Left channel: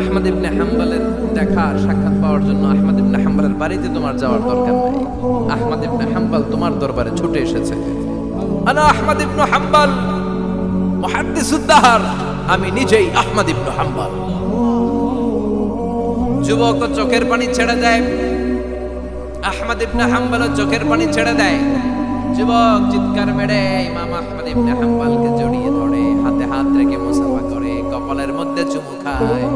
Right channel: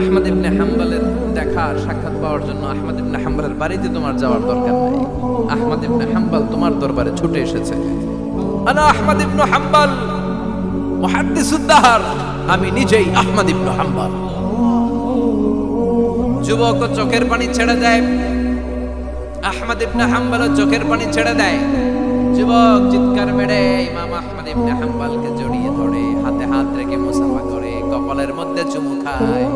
আহমদ ইবনে হাম্বলের দেখার সাক্ষাৎ পাওয়ার জন্য আহমদ ইবনে হাম্বলের বাড়িতে তোমার যাওয়ার দরকার নাই। আহমদ ইবনে হাম্বল তোমার দরবারে ছুটে এসেছে। আনা আহমদ ইবনে হাম্বল মুহাদ্দিসুদ দাহর, আমি নিজেই আহমদ ইবনে হাম্বল। যুবক চোখের পানি ছেড়ে দেয়, আহমদ ইবনে হাম্বল চোখের পানি ছেড়ে দেয়। যুবক চিৎকার মেরে ইমাম আহমদ ইবনে হাম্বলকে জড়িয়ে ধরে, হাতে হাত রেখে মুসাফা করে, কপালের মধ্যে চুমু খায়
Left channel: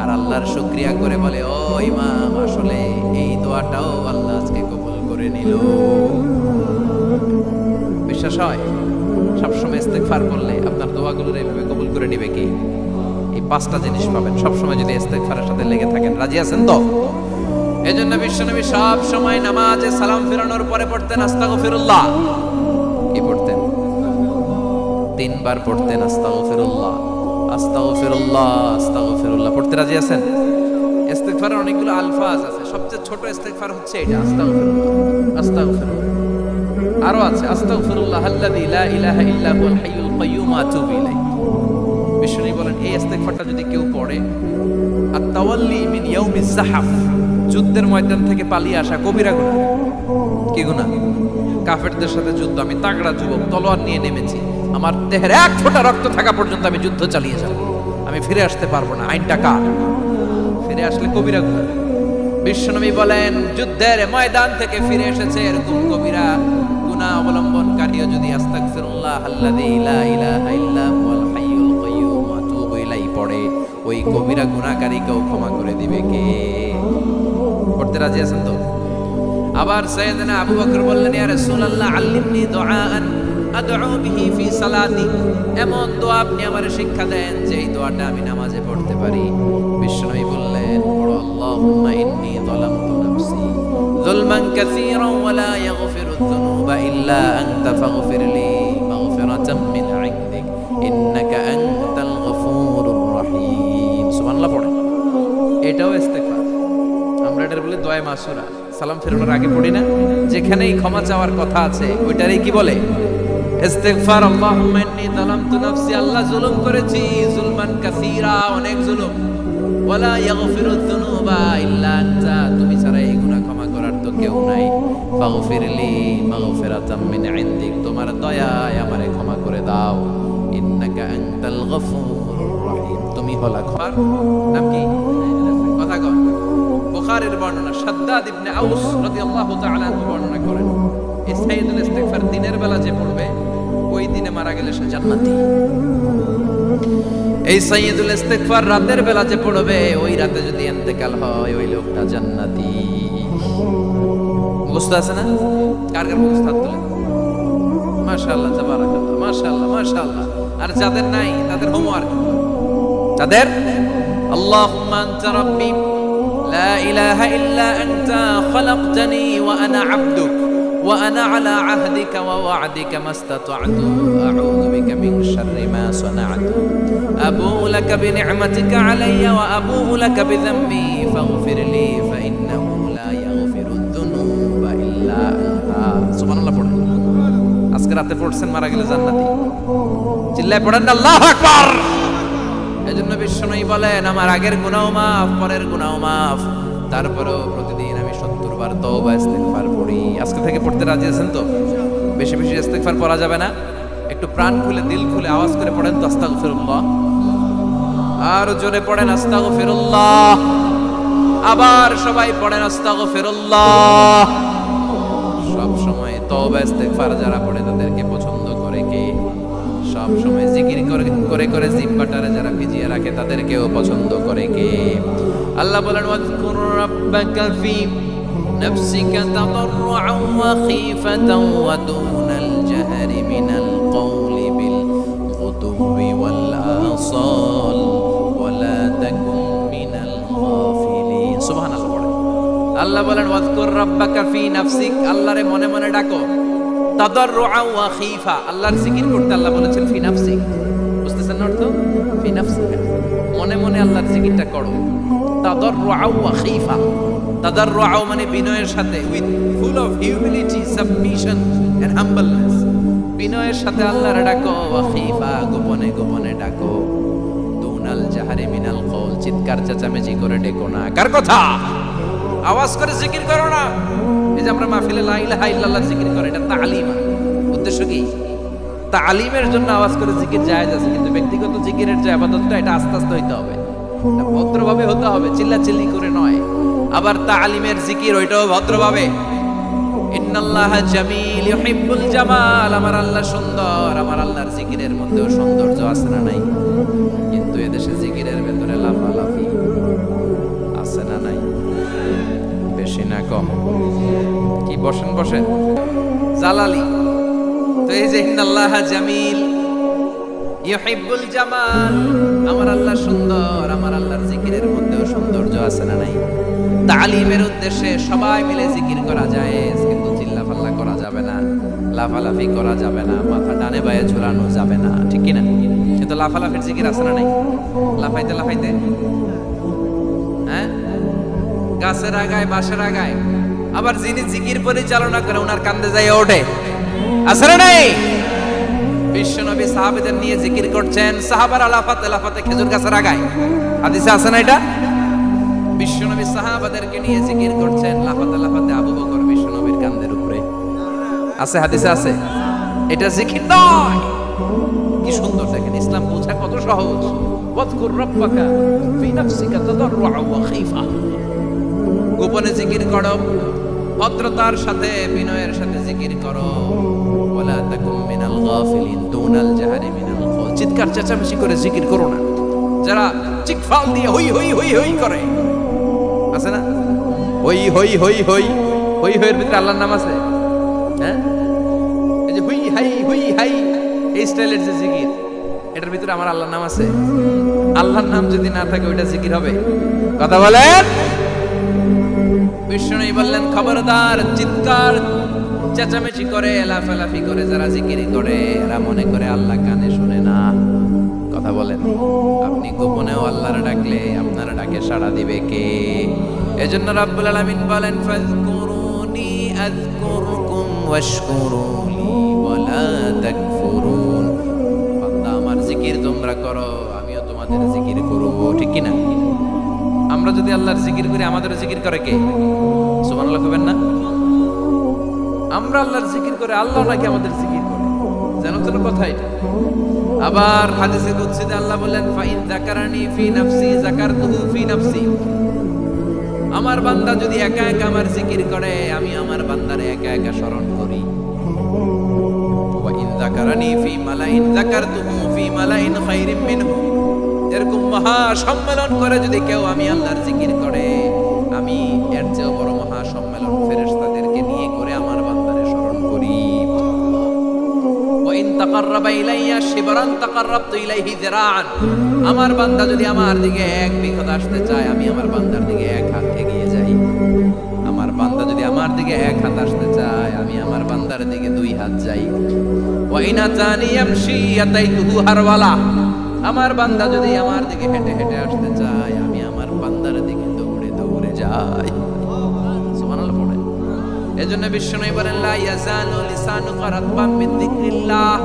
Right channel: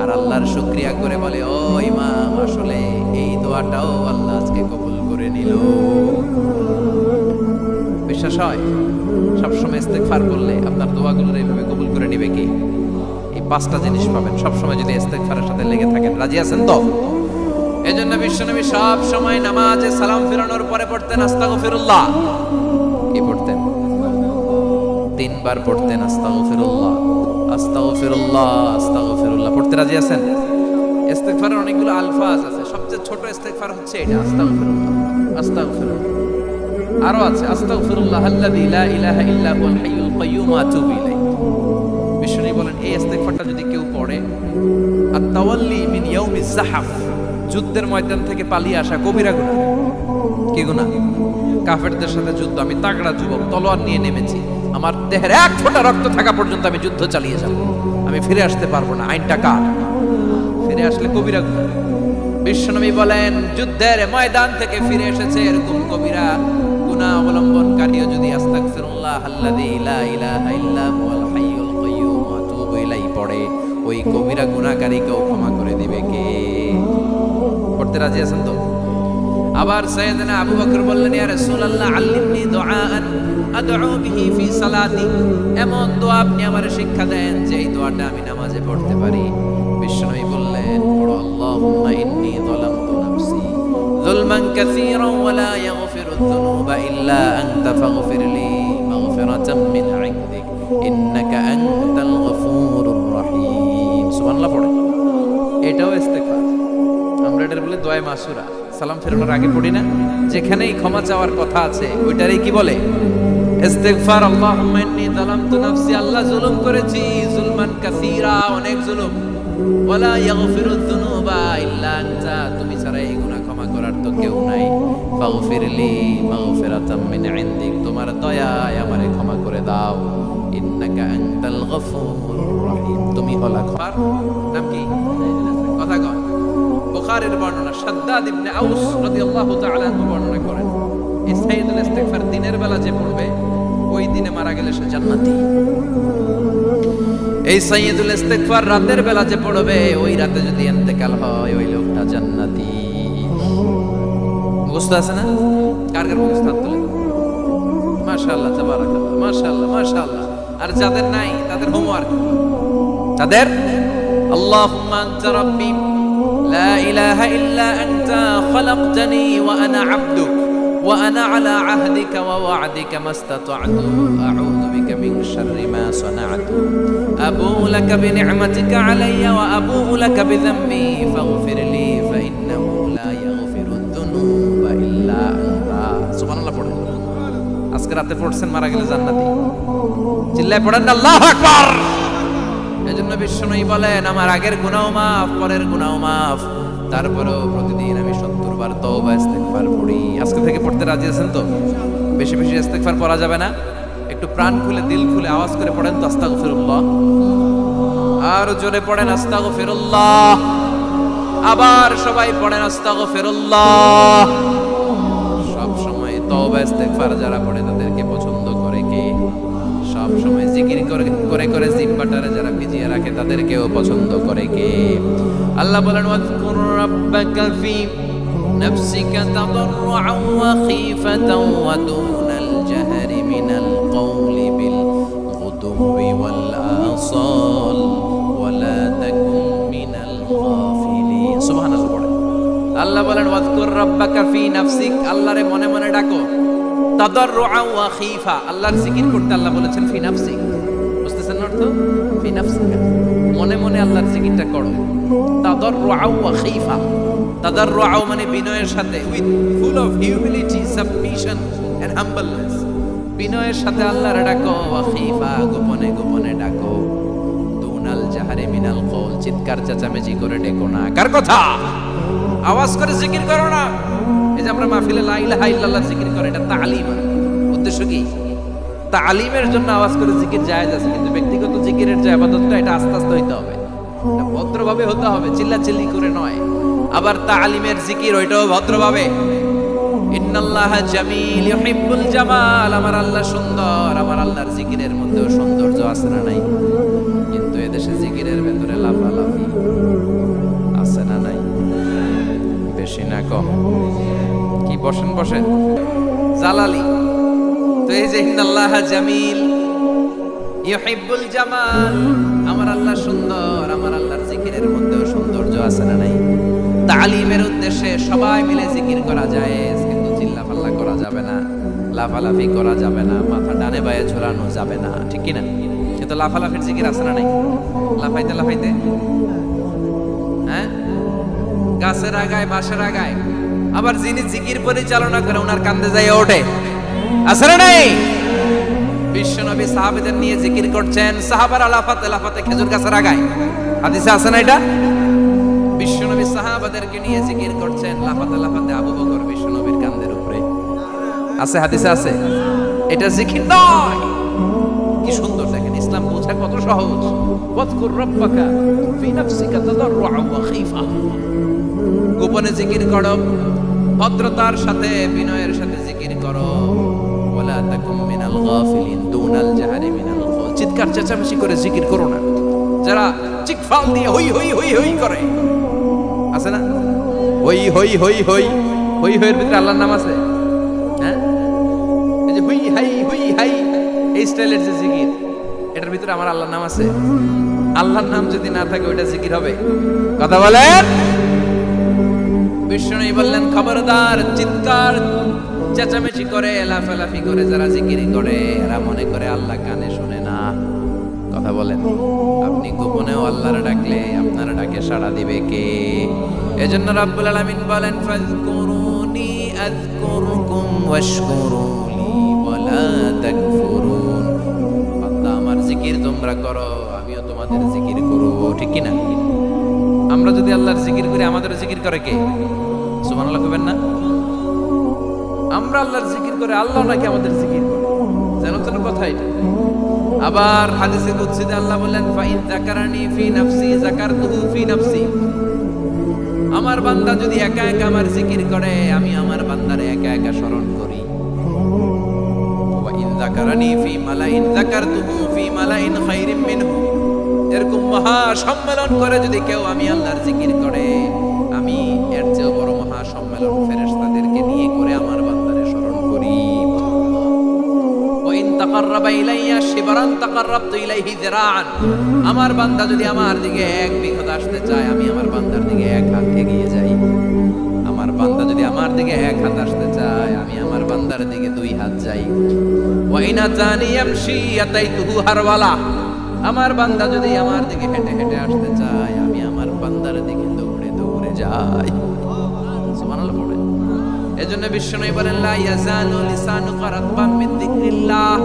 আর আল্লাহর শুকরিয়া করে বলে, ও ইমাম, আসলে এই দোয়াটাও আল্লাহ আজকে কবুল করে নিল। বিশ্বাস হয় সবসময় ইস্তেগফার করলে আপনার দোয়াগুলোর এইভাবে কবুল করে নিবে কি? এই পাঁচটা জিনিস পাবেন সবসময় যদি ইস্তেগফারের সাথে লেগে থাকেন। রাজি আছেন তো? এজন্য বিশ্বনবী সব সময় নামাজে সালাম ফিরানোর পরে পড়তেন আস্তাগফিরুল্লাহ। কি পড়তেন? 3 বার পড়তেন আস্তাগফিরুল্লাহ, আস্তাগফিরুল্লাহ, আস্তাগফিরুল্লাহ। পড়তে রাজি আছেন? ইস্তেগফারের অনেকগুলো আলফাজ আছে, সবচেয়ে ছোট ইস্তেগফার হচ্ছে এটা, আস্তাগফিরুল্লাহ, আস্তাগফিরুল্লাহ। আরো আছে আস্তাগফিরুল্লাহ আল্লাযী লা ইলাহা ইল্লা হুয়াল হাইয়ুল কাইয়্যুম ওয়া আতুবু ইলাইহি। বিশ্বনবী বলেন এই ইস্তেগফারটা যদি কেউ পড়ে, আত-তাওয়াল্লি মিন ইয়াউমিজ যাহাফ, যুদ্ধের ময়দান থেকে পালিয়ে আসা কবিরা গুনাহ। কি গুনাহ? কাফেরদের সাথে যুদ্ধ, আমি তাগড়া যুবক, তলোয়ার নিয়ে নেমেছি, আমার দেহের 1 ফোঁটা রক্ত থাকা পর্যন্ত আমি যুদ্ধ চালিয়ে যাব, আমি ফিরে আসতে পারবো না, আইনটা কার? ফিরে আসলে কবিরা গুনাহ। বিশ্বনবী বলেন যুদ্ধের ময়দান থেকে ফিরে এসেছে এরকম কবিরা গুনাহ অবলম্বনকারীও যদি আস্তাগফিরুল্লাহ আল্লাযী লা ইলাহা ইল্লা হুয়াল হাইয়ুল কাইয়্যুম ওয়া আতুবু ইলাইহি পড়ে, ওই কবিরা গুনাহকারীকেও ক্ষমা করে দিবে কে? পড়তে রাজি আছেন তো? আবার সাইয়েদনা আবু বকর বললেন, ইয়া রাসূলুল্লাহ আল্লিমনি দুআআন আদউ বিহি ফি সালাতি, এমন দোয়া আপনি আমারে শিক্ষা দেন যে এই দোয়াটা আমি নামাজে পড়তে পারি। বিশ্বনবী বললেন, পড়ো আল্লাহুম্মা ইন্নী যালামতু নাফসি যুলমান কাসীরান ওয়া লা ইয়াগফিরুয যুনুবা ইল্লা আনতা ফাগফিরলি মাগফিরাতাম মিন ইনদিক ইন্নাকা আনতাল গফুরুর রহিম। সুবহানাল্লাহ পড়েন। এটাও ইস্তেগফার। আমরা এটার বলে দোয়া মাসুরা, সালাম ফেরানোর আগে পড়ি না? যেখানেই ক্ষমা চাওয়ার কথা আছে ওইটারই কি বলে? ইস্তেগফার। আল্লাহুম্মা ইন্নী যালামতু নাফসি, আল্লাহ জুলুম করেছি, যুলমান কাসীরা, অনেক জুলুম, ওয়ালা ইয়াগফিরুয যুনুবা ইল্লা আনতা, তুমি ছাড়া এই গুনাহ ক্ষমা করার তো কেউ নাই। ফাগফিরলি মাগফিরাতাম মিন ইনদিক, তোমার দয়ায় আমারে ক্ষমা করে দাও। ইন্নাকা আনতাল গফুরুর রহিম, তুমি হলা ক্ষমার। নাম কি? কথা কন। বুখারীর বর্ণনা, শাদ্দাদ ইবনে আউস রাদিয়াল্লাহু তাআলা আনহু বর্ণনা করেন, এই সাইয়্যিদুল ইস্তিগফার দিনের বেলা যে পড়বে ওই দিনে মারা গেলে সে জান্নাতি। এই সাইয়্যিদুল ইস্তিগফার রাতের বেলা যে পড়বে ওই রাতে যদি ইন্তেকাল হয় ওই লোকটা জান্নাতি। মুখস্থ আছে না? কার কার মুখস্থ? হাত তুলে। মাশাআল্লাহ, তাবারাকাল্লাহ, মাশাআল্লাহ, মাশাআল্লাহ। আর যাদের নাই তাদের হোমওয়ার্ক, তাদের আল্লাহুম্মা আনতা রাব্বি লা ইলাহা ইল্লা আনতা খালাকতানি ওয়া আনা আবদুক ওয়া আনা আলা আহদিকা ওয়া ওয়া'দিকা মাস্তাতা'তু আউযু বিকা মিন শাররি মা সানা'তু আবুউ লাকা বিনি'মাতিকা আলাইয়া ওয়া আবুউ লাকা বিযামবি ফাগফিরলি ফা ইন্নাহু লা ইয়াগফিরুয যুনুবা ইল্লা আনতা। সুবহানাল্লাহ পড়েন। আজকে রাতে পড়ছেন, মারা গেলে জান্নাতি। চিল্লায় পড়েন আল্লাহু আকবার। এজন্য বিশ্বনবী বলেন, আমার আগের গুনাহ মাফ, পরের গুনাহ মাফ, তারপরেও প্রতিদিন আমি 70 বার তওবা ইস্তেগফার পড়ি। আজকে থেকে পড়তে রাজি আছেন তো? বেশি বেশি ইস্তেগফার পড়া যাবে না? একটু প্রাণ খুলে, দিল খুলে আওয়াজ করে পড়েন তো আস্তাগফিরুল্লাহ। আর জোরে পড়েন আস্তাগফিরুল্লাহ। আবার সবাই পড়েন আস্তাগফিরুল্লাহ। সব সময় তওবা ইস্তেগফার যারা পড়ে তাদেরকে পছন্দ করে কে? সব সময় জিকির করে করে জিহ্বাটারে যারা ভিজিয়ে রাখে তাদেরকেও পছন্দ করে কে? আল্লাহ বলেন, ওয়াজকুর রাব্বাকা ফি নাফসিকা তাদাররুআন ওয়া খীফাতান ওয়া দুনাল জাহরি মিনাল কওলি বিল গুদুবি ওয়াল আসাল ওয়া লা তাকুন মিনাল গাফিলিন। সুবহানাল্লাহ পড়েন। আল্লাহ বলেন, ওয়াজকুর রাব্বাকা ফি নাফসিক, আল্লাহরে মনে মনে ডাকো। তাদাররুআন ওয়া খীফা, আল্লাহর জিকির করতে আল্লাহ বলেছেন ফি নাফসিক। বুঝতেছেন না অর্থ? ফি নাফসিকা, মনে মনে আল্লাহর জিকিরটা করো। তাদাররুআন ওয়া খীফা, তাদাররুআ মানে বিনয়ের সাথে, with full of humility, submission and humbleness, বিনয়ের সাথে আল্লাহর ডাকো। ওয়া খীফা, গোপনে গোপনে ডাকো। দুনাল জাহারি মিনাল কওল, চিৎকার চেঁচামেচি করে ডেকো না। কার কথা? আওয়াজ করে জিকির করো না। এই যে আমরা মাহফিলে লা ইলাহা ইল্লাল্লাহ জিকির করে, এটা তালিম। উদ্দেশ্য কি? তালিমের জন্য আওয়াজ করে জিকির জায়েজ আছে, কিন্তু ব্যক্তিগত জিকিরের যে ইবাদতটা, এটা আস্তে আস্তে হইতে হবে, এটা ভদ্রভাবে হতে হবে, চিল্লাচিল্লি করে নয়। আবার তালিমের জিকির ওইটাও ভদ্রভাবে। ইন্নাল্লাহা জামিল ইউহিব্বুল জামাল, আমার আল্লাহ সুন্দর, আমার আল্লাহর জিকিরের মধ্যেও সৌন্দর্য আছে না নাই? কিন্তু এদেশে জিকিরের ভেতরে লাফালাফি আছে না নাই? বেশি না কম? কি বসেন বসেন জালালি। তো এই যে ইন্নাল্লাহা জামিল ইউহিব্বুল জামাল, আমার আল্লাহ সুন্দর, আমার আল্লাহর জিকিরের মধ্যেও সৌন্দর্য আছে না নাই? তালিমের উদ্দেশ্যে সবাই মিলে জিকির করা যায়, কিন্তু চিল্লাফাল্লা করা যাবে না, লাফালাফি করা যাবে না, মাথা ডানে বায়ে ঝোলানো যাবে না, ঠিক কি না? কিন্তু লাফালাফির জিকির আছে না নাই? লাফাইতে লাফাইতে, হ্যাঁ, গাছের আগায় বাঁশের আগায়। আবার যিনি জিকির পরিচালনা করে ওনার কান্দে যায় ওঠে, আছে না নাই? বিশ্বনবী সাহাবীদের নিয়ে জিকির করছেন, সাহাবারা লাফাতে লাফাতে খেজুর গাছের আগায়। হাদিসে আছে না এটা? বিশ্বনবী সাহাবাদেরকে নিয়ে জিকির করছেন, লাফাতে লাফাতে আবু বকর বিশ্বনবীর কাঁধের উপরে। আছে, হাদিসে আছে। এটা জিকির নয়। কি সুন্দর দেখেন, ইসলাম বোঝা কত সহজ। ওয়াজকুর রাব্বাকা ফি নাফসিকা তাদাররুআ ওয়া খাইফা, গোপনে জিকির করো, ভদ্রতার সাথে বিনয়ের সাথে জিকির করো। ওয়ালা তাকুম মিনাল গাফিলিন দুনাল জাহারি মিনাল কওল, চিৎকার চেঁচামেচি করে জিকির করো না। যারা চিকফাল দিয়ে হই হই হই হই করে, আছে না? হই হই হই হই হই হইয়ের ভিতরে আল্লাহর নাম আছে, হ্যাঁ? এই যে হুই হাই হুই হাই, এই স্টাইলের যে জিকির, এটার ভিতরে আমার আল্লাহর নাম আছে? আল্লাহর নাম যদি না থাকে ওইটা জিকির হবে? কথা বলেন। বিষ্ণু বললেন, খবরদার, চিৎকার চেঁচামেচি করে লাফালাফি করে যারা জিকির করে, এরা মনে করে আল্লাহ কানে শুনে না। কথা বলেন। আপনি গোপনেও আল্লাহর ডাকলে আপনার ডাকে সাড়া দিবে কে? এজন্য রাব্বুল আলামিন বলেন, ফাযকুরুনি আযকুরকুম ওয়াশকুরুলি ওয়ালা তাকফুরুন। বান্দা, আমার জিকির তোমরা করো, আমিও তোমাদের জিকির করব, ঠিক কি না? আমরা যদি আল্লাহর জিকির করি, আমাদের জিকির করে কে? সুবহানাল্লাহ কইবেন না? আমরা আল্লাহর জিকির করে, আল্লাহ নাকি আমাদের জিকির করে? জানো তো কথা এটা। আবার হাদিসে কুদসিতে আল্লাহ বলেন, ফাইন যাকারানি ফি নাফসি যাকারতুহু ফি নাফসি, আমার বান্দা যদি একা একা আমার জিকির করে, আমি আমার বান্দারে একা একা স্মরণ করি। ওয়া ইন যাকারানি ফি মালাইন যাকারতুহু ফি মালাইন খায়রিম মিনহু, এরকম মহা সম্মেলন করে যদি কেউ আমি আল্লাহর জিকির করে, আমি এর চেয়ে বড় মহা সম্মেলন ফেরেশতাদেরকে নিয়ে করে আমার বান্দারে স্মরণ করি। ওয়াইন তাকাররাবা ইলাইয়া শিবরান তাকাররাবতু ইলাইহি যিরাআন, আমার বান্দা যদি আমার দিকে এক বিঘত আসতে চায়, আমি আমার বান্দার দিকে এক হাত এগিয়ে যাই। আমার বান্দা যদি আমার দিকে এক হাত আসতে চায়, আমি আমার বান্দার দিকে দুই হাত যাই। ওয়াইন আতানি ইয়ামশি আতাইতুহু হারওয়ালা, আমার বান্দা যদি আমার দিকে হেঁটে হেঁটে আসতে চায়, আমি আমার বান্দার দিকে দৌড়ে দৌড়ে যাই। সুবহানাল্লাহ পড়ে। এজন্য বিশ্বনবী বলেন, লা ইয়াজালু লিসানুকা রাতবাম মিন যিকরিল্লাহ,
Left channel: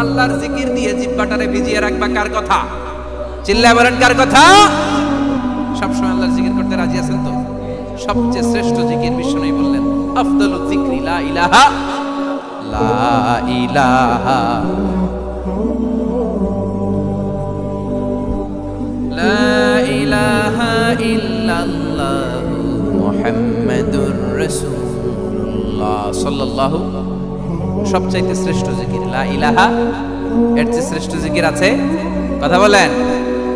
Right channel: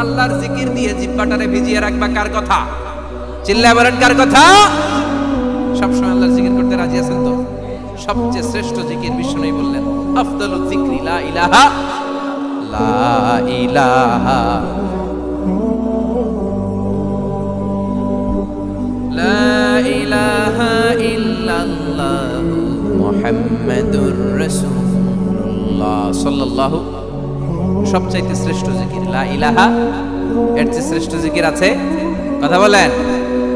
আল্লাহর জিকির দিয়ে জিহ্বাটারে ভিজিয়ে রাখবা। কার কথা? চিল্লায় বলেন, কার কথা? সবসময় আল্লাহর জিকির করতে রাজি আছেন তো? সবচেয়ে শ্রেষ্ঠ জিকির বিশ্বনবী বললেন, আফদালু যিকরি লা ইলাহা লা ইলাহা লা ইলাহা ইল্লাল্লাহু মুহাম্মাদুর রাসূলুল্লাহ সাল্লাল্লাহু। সবচাইতে শ্রেষ্ঠ জিকির লা ইলাহা, এর চেয়ে শ্রেষ্ঠ জিকির আছে? কথা বলেন।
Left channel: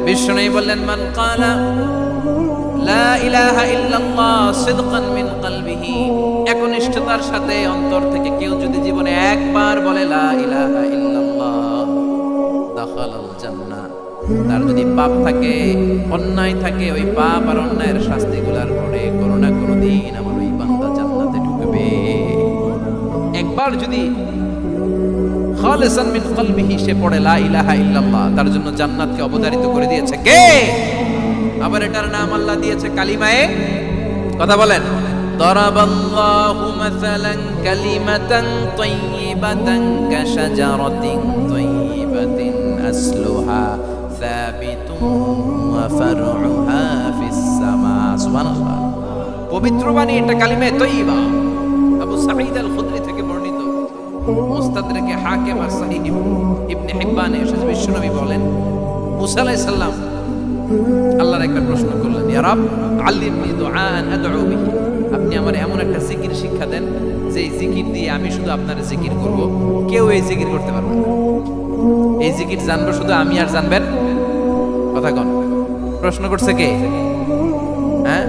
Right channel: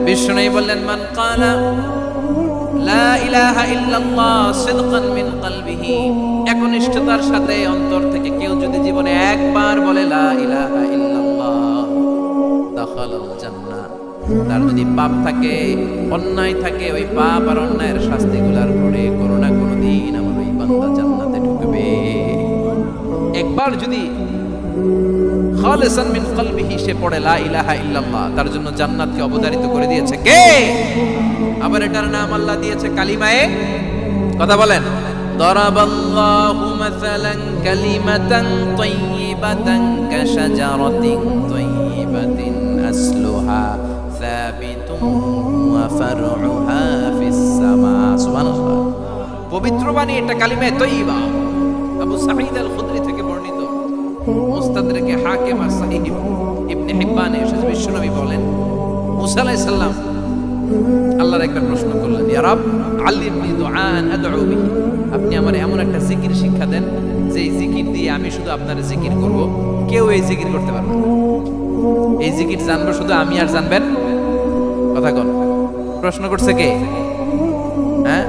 বিশ্বনবী বললেন, মান ক্বালা লা ইলাহা ইল্লাল্লাহ সিদকান মিন কলবিহি, একনিষ্ঠতার সাথে অন্তর থেকে কেউ যদি জীবনে একবার বলে লা ইলাহা ইল্লাল্লাহ, দাখালাল জান্নাহ, তার যদি পাপ থাকে, অন্যায় থাকে, ওই পাপ আর অন্যায়ের শাস্তিগুলার পরে কোনো না কোনো দিন আমার ওই বান্দা জান্নাতে ঢুকবে। একবার যদি খালিসান মিন কলবিহি সে পড়ে লা ইলাহা ইল্লাল্লাহ, তার জন্য জান্নাতকে অবধারিত করে দিয়েছে কে? আবার এটার নাম আল্লাহ দিয়েছে কালিমায়ে। কথা বলেন। দারাবাল্লাহু মাসালান কালিমাতান তাইয়িবাতান কাশাজারাতিন তাইয়িবাতিন আসলুহা সাবিতু ওয়া ফারউহা ফিস সামা। সুবহানাল্লাহ। পবিত্র বাণী, এটা কালিমে তয়্যিবা। আবু সাঈদ আল খুদরি থেকে বর্ণিত, মুস্তাদরাকে হাকিম আর সহিহ ইবনে হিব্বানে এসেছে, বিশ্বনবী বলেন মুসা আলাইহিস সালাম আল্লাহর একবার প্রশ্ন করলেন, ইয়া রাব আল্লিমনি দুআন আদউ বিহি, আপনি আমার এমন একটা জিকির শিক্ষা দেন যেই জিকির দিয়ে আমি শুধু আপনার জিকির করব, কেউ এই জিকির করতে পারবে না। এই জিকির জানবো শুধু আমি, আর জানবেন কথা কোন? প্রশ্ন করছে কে? হ্যাঁ,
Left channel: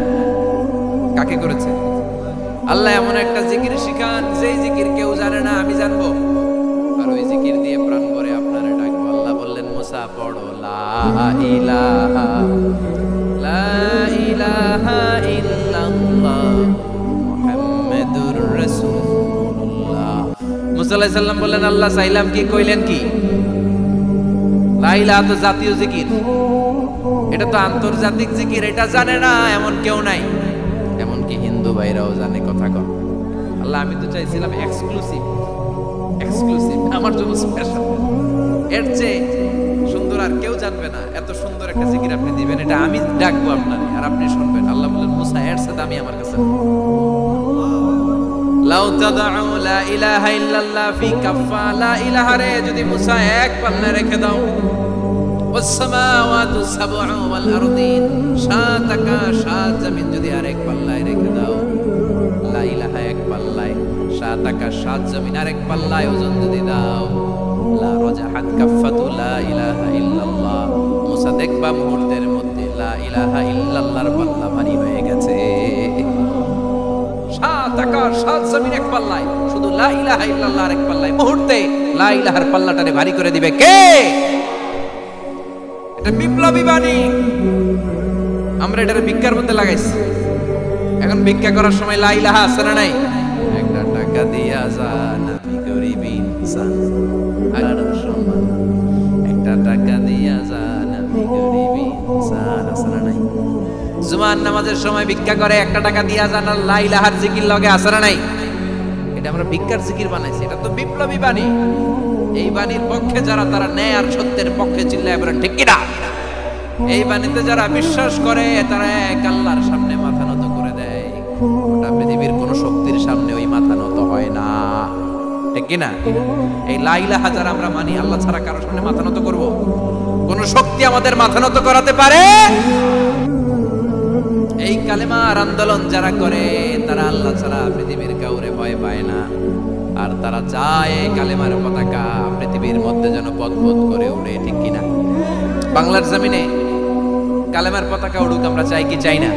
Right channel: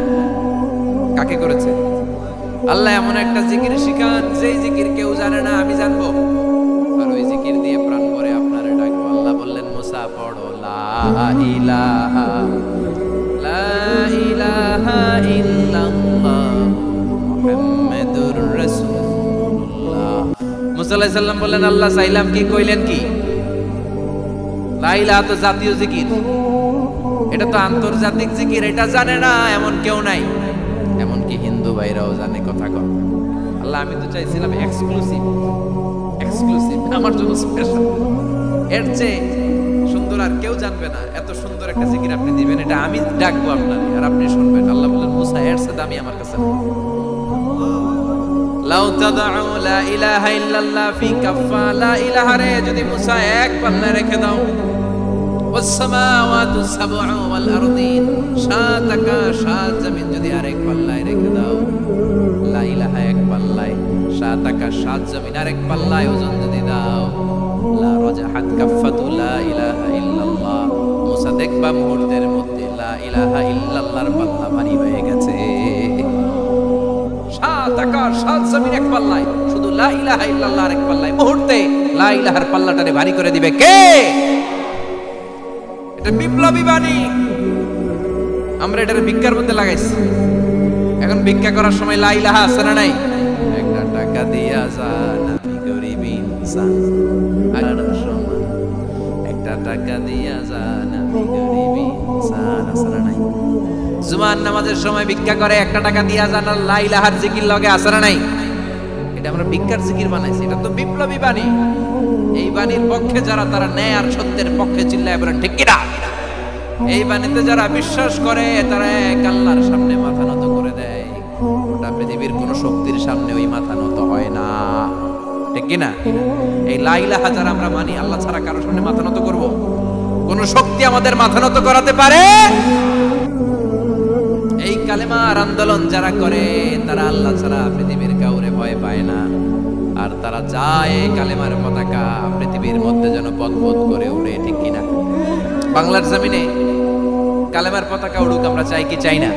কাকে করেছে? আল্লাহ এমন একটা জিকির শিখান যেই জিকির কেউ জানে না, আমি জানবো, আর ওই জিকির দিয়ে প্রাণ ভরে আপনারে ডাকবো। আল্লাহ বললেন, মুসা পড়ো লা ইলাহা ইল্লাল্লাহ মুহাম্মাদুর রাসূলুল্লাহ। মুসা আলাইহিস সালাম বললেন, আল্লাহ চাইলাম কি, কইলেন কি? লা ইলাহা তো জাতীয় জিকির, এটা তো আন্তর্জাতিক জিকির, এটা জানে না এমন কেউ নাই। এমনকি হিন্দু ভাইরাও জানে, কথা কম। আল্লাহ আমি তো চাইছিলাম এক্সক্লুসিভ, আমার জন্য স্পেশাল, এর চেয়ে সুন্দর আর কেউ জানবে না। এত সুন্দর একটা জিকির আপনি দিবেন, এটা আমি ডাকবো আপনারে আর আপনি শুনবেন। আল্লাহ বললেন, মুসা এর চেয়ে দামি আমার কাছে লাউ তাদউ লা ইলাহা ইল্লাল্লাহ ফি কাফা, লা ইলাহা রে যদি মুসা এক পাল্লায় রেখে দাও, ওয়াসসামাওয়াতু সাবউ ওয়াল আরদিন, সাত আকাশ সাত জমিন যদি আরেক পাল্লায় রেখে দাও, লা ইলাহা এক পাল্লায়, সাত আকাশ সাত জমিন আরেক পাল্লায় ওজন যদি দাও, লা রাজাহাত কাফাতু লা ইলাহা ইল্লাল্লাহ, মুসা দেখবা মুহূর্তের মধ্যে লা ইলাহা ইল্লাল্লাহর পাল্লা ভারী হয়ে গেছে। সাত আকাশ সাত জমিন এক পাল্লায়, শুধু লা ইলাহা ইল্লাল্লাহ আরেক পাল্লায়, মুহূর্তে লা ইলাহার পাল্লাটারে ভারী করে দিবে কে? এটা বিপ্লবী বাণী। আমরা এটারে ভিক্ষার মধ্যে লাগাইছি। এখন ভিক্ষা করার সময় লা ইলাহা আছে না নাই? একটা টাকা দিয়া যান, আমি গরিব ইনসান, আর সমান একটা টাকা দিয়া যান, আমি গরিব ইনসান, আছে না নাই? জুমার নামাজের সময় ভিক্ষা করে, একটা টাকা দিয়া যান, আর লা ইলাহার জিকির লগে আছে না নাই? এটা আমরা ভিক্ষার জিকির বানাইছি, এটা তো বিপ্লবী বাণী। এই বাণীর পক্ষে যারা, তারা ন্যায় আর সত্যের পক্ষে চিল্লায় বলেন ঠিক কিনা? এই বাণীতে যারা বিশ্বাস করে তারা এক আল্লাহর সামনে মাথা নত করে দেয়। গোটা পৃথিবীর কোন শক্তির সামনে ওই মাথা নত হয় না, ঠিক কিনা? এই লা ইলাহা যারা আমরা মানি, আল্লাহ ছাড়া কারোর সামনে মাথা নত করব? কোন শক্তি আমাদের মাথা নত করাতে পারে? এই কালেমার আন্দোলন যারা করে তারা আল্লাহ ছাড়া পৃথিবীর কাউরে ভয় পায় না। আর তারা চায় কালেমার পতাকা পৃথিবীর মধ্যে যেন পথ করে উড়ে, ঠিক কিনা? বাংলার জমিনে কালেমার পতাকা উড়ুক, আমরা চাই কি চাই না?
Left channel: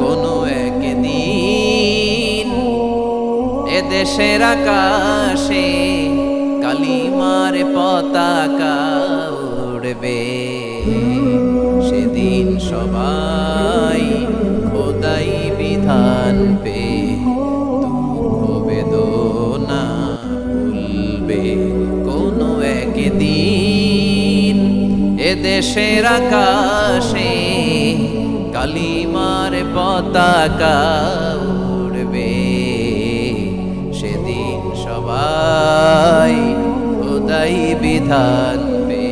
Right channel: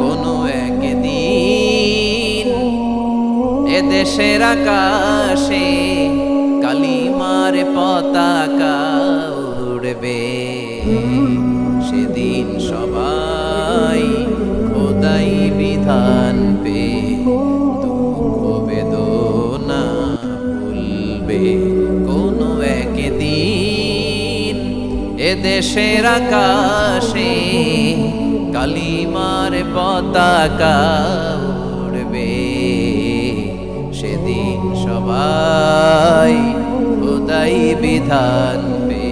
কোনো একদিন এ দেশের আকাশে কালিমার পতাকা উড়বে, সেদিন সবাই খোদাই বিধান পে দুঃখ বেদনা ভুলবে। কোনো একদিন এ দেশের আকাশে কালিমার পতাকা উড়বে, সেদিন সবাই খোদাই বিধান পে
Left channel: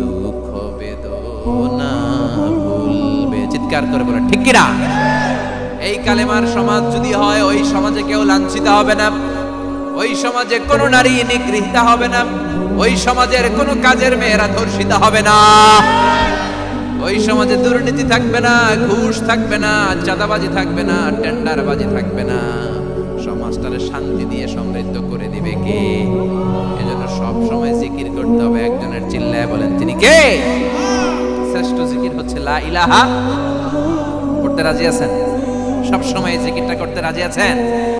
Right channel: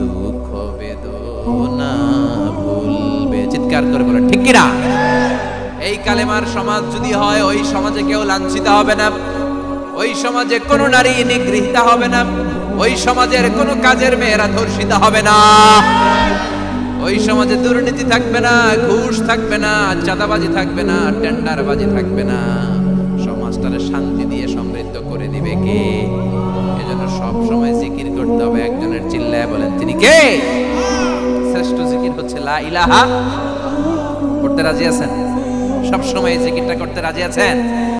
দুঃখ বেদনা ভুলবে। চিৎকার করে বলেন ঠিক কিনা? এই কালেমার সমাজ যদি হয়, ওই সমাজে কেউ লাঞ্ছিত হবে না, ওই সমাজে কোনো নারী নিগৃহীত হবে না, ওই সমাজের কোনো কাজের মেয়েরা ধর্ষিত হবে না, ওই সমাজে দুর্নীতি থাকবে না, ঘুষ থাকবে না, চাঁদাবাজি থাকবে না, টেন্ডারবাজি থাকবে না। সমাজটারে শান্তি দিয়ে সমৃদ্ধ করে দিবে কে? এজন্য সব সময় জিকির করতে হবে একজনের, চিল্লায় বলেন তিনি কে? শ্রেষ্ঠ জিকির হচ্ছে লা ইলাহা। করতে রাজি আছেন? সব সময় জিকিরটা করতে রাজি আছেন?